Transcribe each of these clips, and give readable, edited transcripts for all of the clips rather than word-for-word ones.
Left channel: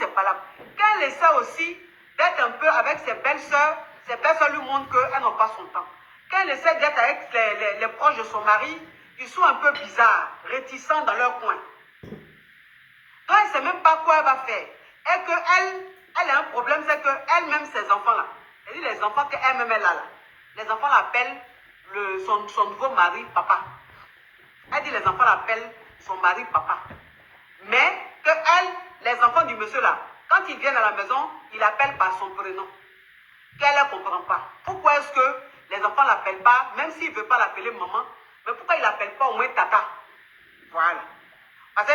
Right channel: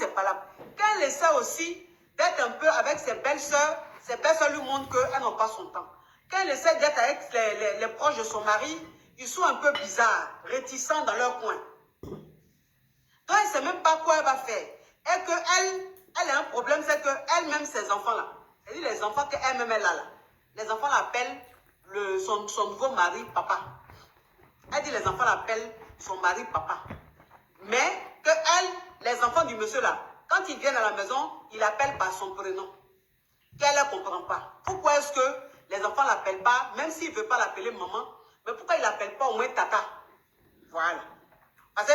c'est pas là. Quand elle essaie aussi d'être un peu avec ses belles-sœurs lui montrent qu'elles n'ont pas son temps. Quand elle essaie d'être avec les proches de son mari, ils sont un peu bizarres, réticents dans leur coin. Donc, elle ne sait même pas quoi elle va faire. Et qu'elle a un problème, c'est qu'elle-même, ses enfants-là, c'est-à-dire les enfants qu'elle-même, elle a là, les enfants l'appellent son nouveau mari, papa. Elle dit les enfants l'appellent son mari, papa. Mais que les enfants du monsieur là, quand ils viennent à la maison, ils l'appellent par son prénom. Qu'elle ne comprend pas. Pourquoi est-ce que les enfants ne l'appellent pas, même s'ils ne veulent pas l'appeler maman, mais pourquoi ils ne l'appellent pas au moins tata? Voilà. Parce que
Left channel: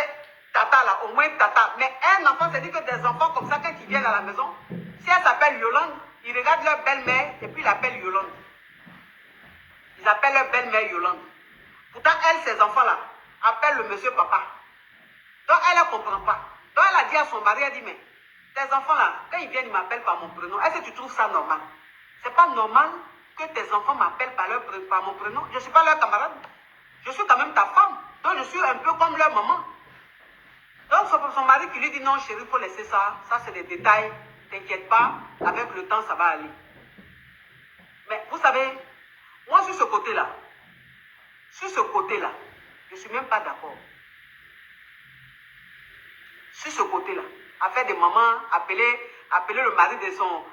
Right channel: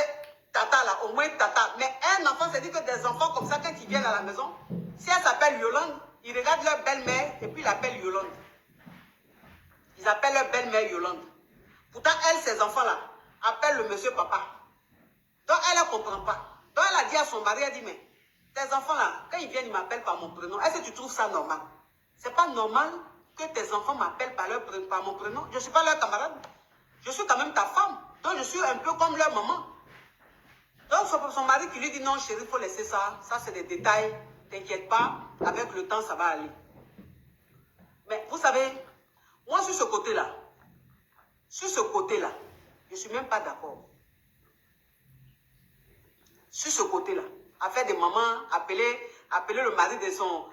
tata là, au moins tata. Mais un enfant, c'est dit que des enfants comme ça, quand ils viennent à la maison, si elle s'appelle Yolande, ils regardent leur belle-mère et puis ils l'appellent Yolande. Ils appellent leur belle-mère Yolande. Pourtant, elle, ces enfants-là, appellent le monsieur papa. Donc, elle ne comprend pas. Donc, elle a dit à son mari, elle dit, mais tes enfants-là, quand ils viennent, ils m'appellent par mon prénom. Est-ce que tu trouves ça normal? Ce n'est pas normal que tes enfants m'appellent par mon prénom. Je ne suis pas leur camarade. Je suis quand même ta femme. Donc, je suis un peu comme leur maman. Donc, c'est son mari qui lui dit, non, chérie, il faut laisser ça. Ça, c'est des détails. T'inquiète pas. Avec le temps, ça va aller. Mais vous savez, moi, sur ce côté-là, je ne suis même pas d'accord. Sur ce côté-là, à faire des mamans, appeler le mari de son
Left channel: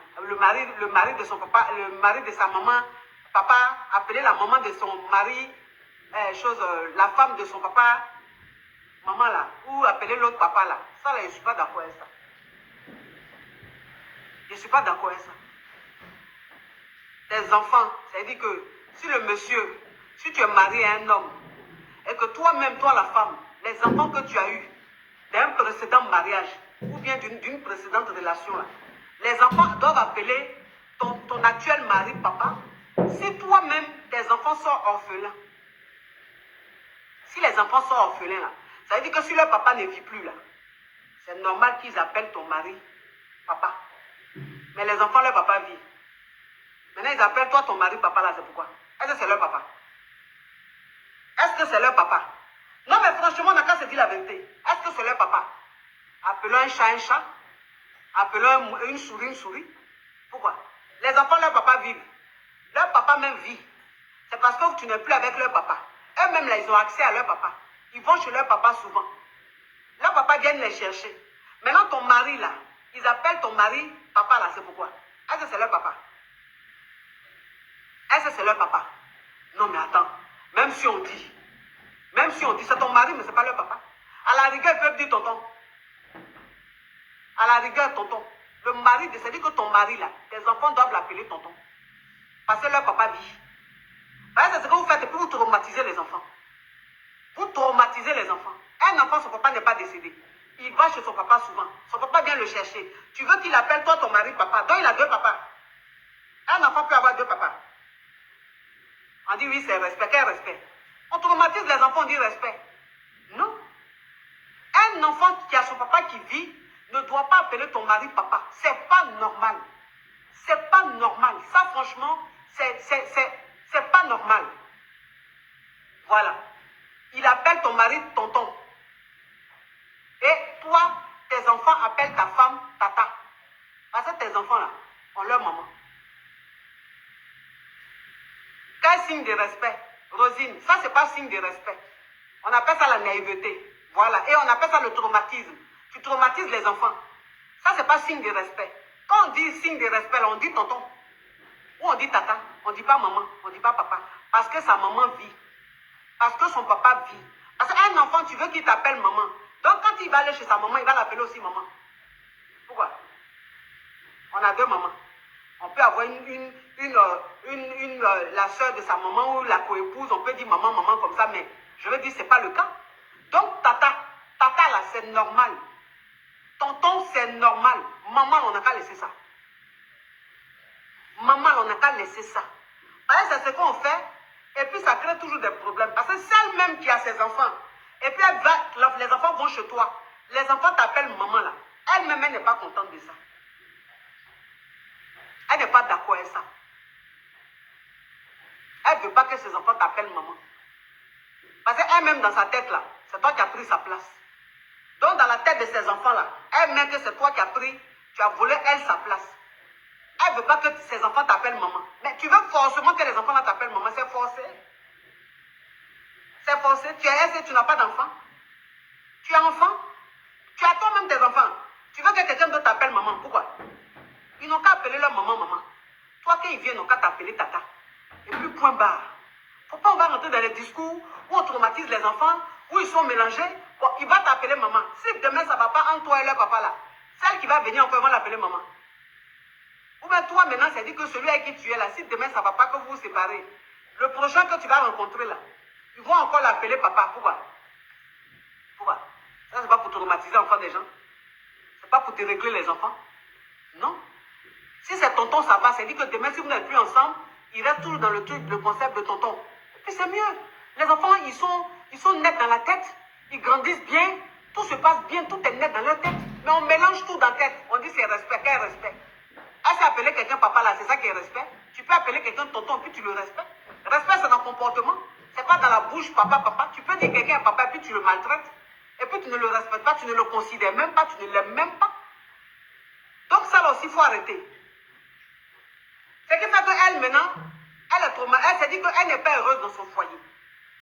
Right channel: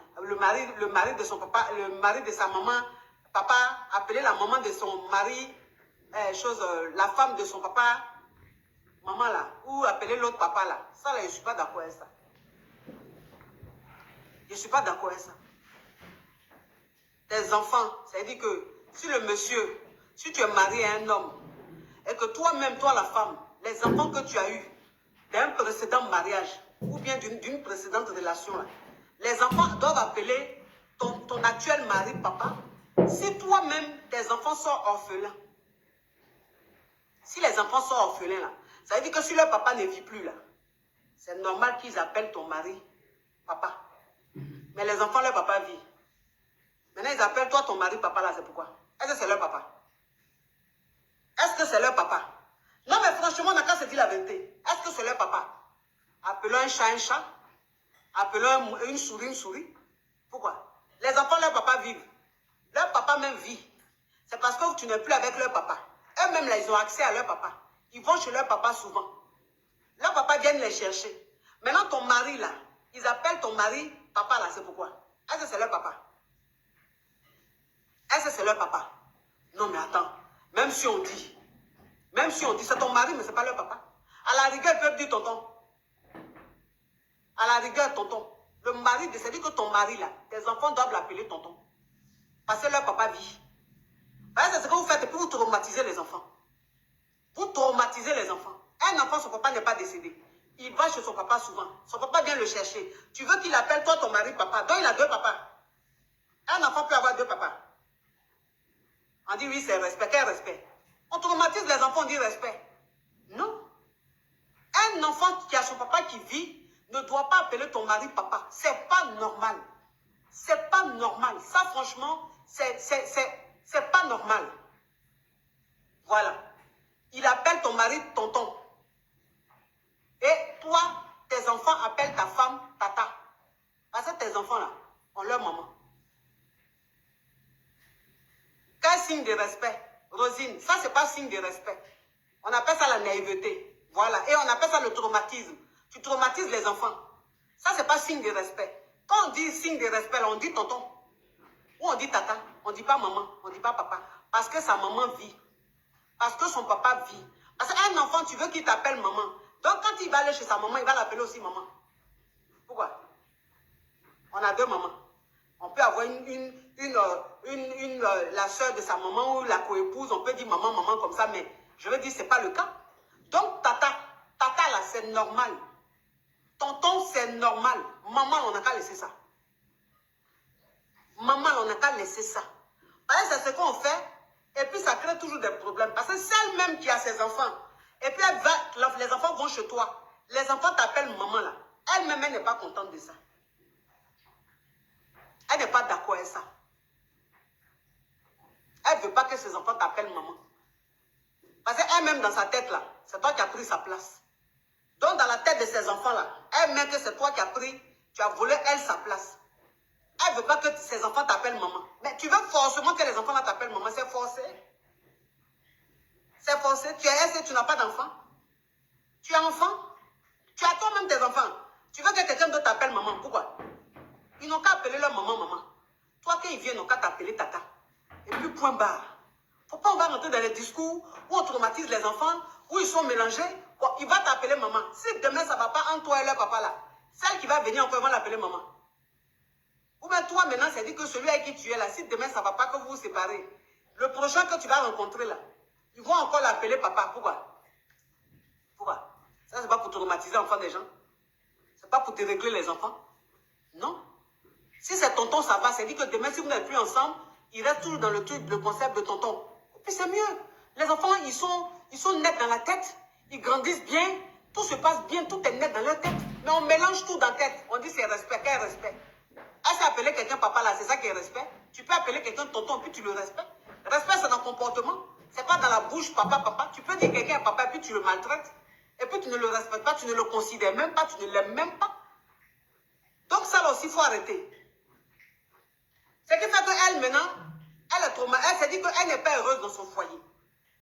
papa, le mari de sa maman, papa, appeler la maman de son mari, la femme de son papa, maman là, ou appeler l'autre papa là. Ça là, je ne suis pas d'accord avec ça. Je ne suis pas d'accord avec ça. Tes enfants, c'est-à-dire que si le monsieur, si tu es marié à un homme, et que toi-même, toi la femme, les enfants que tu as eus d'un précédent mariage, ou bien d'une précédente relation, là, les enfants doivent appeler ton actuel mari papa. Si toi-même, tes enfants sont orphelins, si les enfants sont orphelins, là, ça veut dire que si leur papa ne vit plus, là, c'est normal qu'ils appellent ton mari papa. Mais les enfants, leur papa vit. Maintenant, ils appellent toi ton mari papa, là, c'est pourquoi? Est-ce que c'est leur papa? Est-ce que c'est leur papa? Non, mais franchement, on n'a qu'à se dire la vérité. Est-ce que c'est leur papa? Appelons un chat. Appelons une souris. Pourquoi? Les enfants, leur papa vivent. Leur papa même vit. C'est parce que tu n'es plus avec leur papa. Eux-mêmes, là, ils ont accès à leur papa. Ils vont chez leur papa souvent. Leur papa vient les chercher. Maintenant, ton mari, là, ils appellent ton mari papa, là, c'est pourquoi? Est-ce que c'est leur papa? Est-ce que c'est leur papa? Non, mais attends. Même si on dit, c'est ton mari, mais ce n'est pas leur papa. À la rigueur, ils peuvent dire tonton. À la rigueur, tonton. Le mari, c'est-à-dire que ton mari, là, tes enfants doivent l'appeler tonton. Parce que leur papa vit. C'est ce que vous faites pour vous traumatiser les enfants. Vous traumatisez les enfants. Un enfant, son papa n'est pas décédé. Il va chez son papa souvent. Son papa vient le chercher. Tu veux qu'il appelle toi ton mari papa. Donc il a deux papas. Un enfant peut avoir deux papas. On dit oui, c'est respect. Quel respect? On traumatise les enfants, on dit respect. Non. Un enfant qui a son papa qui vit ne doit pas appeler ton mari papa. C'est pas normal. C'est pas normal. Ça, franchement, c'est pas normal. Voilà. Il appelle ton mari tonton. Et toi, tes enfants appellent ta femme tata. Parce que tes enfants là ont leur maman. Quel signe de respect? Rosine, ça c'est pas signe de respect. On appelle ça la naïveté. Voilà. Et on appelle ça le traumatisme. Tu traumatises les enfants. Ça c'est pas signe de respect. Quand on dit signe de respect, là, on dit tonton. Ou on dit tata. On ne dit pas maman. On ne dit pas papa. Parce que sa maman vit. Parce que son papa vit. Parce qu'un enfant, tu veux qu'il t'appelle maman. Donc quand il va aller chez sa maman, il va l'appeler aussi maman. Pourquoi? On a deux mamans. On peut avoir la soeur de sa maman ou la coépouse, on peut dire maman, maman comme ça, mais je veux dire, ce n'est pas le cas. Donc, tata là, c'est normal. Tonton, c'est normal. Maman, on n'a qu'à laisser ça. Maman, on n'a qu'à laisser ça. Parce que c'est ce qu'on fait, et puis ça crée toujours des problèmes. Parce que celle même qui a ses enfants, et puis les enfants vont chez toi, les enfants t'appellent maman là. Elle-même, elle n'est pas contente de ça. Elle n'est pas d'accord avec ça. Elle ne veut pas que ses enfants t'appellent maman. Parce qu'elle-même, dans sa tête, là, c'est toi qui as pris sa place. Donc, dans la tête de ces enfants-là, elle met que c'est toi qui as pris, tu as volé, elle, sa place. Elle ne veut pas que ses enfants t'appellent maman. Mais tu veux forcément que les enfants là t'appellent maman, c'est forcé. C'est forcé. Tu es aisé, tu n'as pas d'enfant. Tu es enfant. Tu as toi-même tes enfants. Tu veux que quelqu'un d'autre t'appelle maman. Pourquoi? Ils n'ont qu'à appeler leur maman, maman. Toi, quand ils viennent, ils n'ont qu'à t'appeler tata. Et puis, point barre. Faut pas on va rentrer dans les discours où on traumatise les enfants, où ils sont mélangés. Bon, il va t'appeler maman. Si demain, ça ne va pas entre toi et leur papa là, celle qui va venir encore, ils vont l'appeler maman. Ou bien toi, maintenant, c'est dit que celui avec qui tu es là, si demain, ça ne va pas, que vous vous séparez, le prochain que tu vas rencontrer là, ils vont encore l'appeler papa. Pourquoi? Pourquoi? Ça, c'est pas pour traumatiser l'enfant des gens. C'est pas pour dérégler les enfants. Non. Si c'est tonton, ça va. C'est dit que demain, si vous n'êtes plus ensemble, il reste toujours dans le truc, le concept de tonton. Et puis c'est mieux. Les enfants, ils sont nets dans la tête. Ils grandissent bien. Tout se passe bien. Tout est net dans leur tête. Mais on mélange tout dans la tête. On dit c'est respect. Quel respect? Elle s'est appelé quelqu'un papa là, c'est ça qui est respect. Tu peux appeler quelqu'un tonton, puis tu le respectes. Respect, c'est dans le comportement. C'est pas dans la bouche, papa, papa. Tu peux dire quelqu'un à papa, puis tu le maltraites. Et puis tu ne le respectes pas, tu ne le considères même pas, tu ne l'aimes même pas. Donc ça là aussi, il faut arrêter. C'est qui fait qu'elle maintenant, elle est trop mal. Elle s'est dit qu'elle n'est pas heureuse dans son foyer.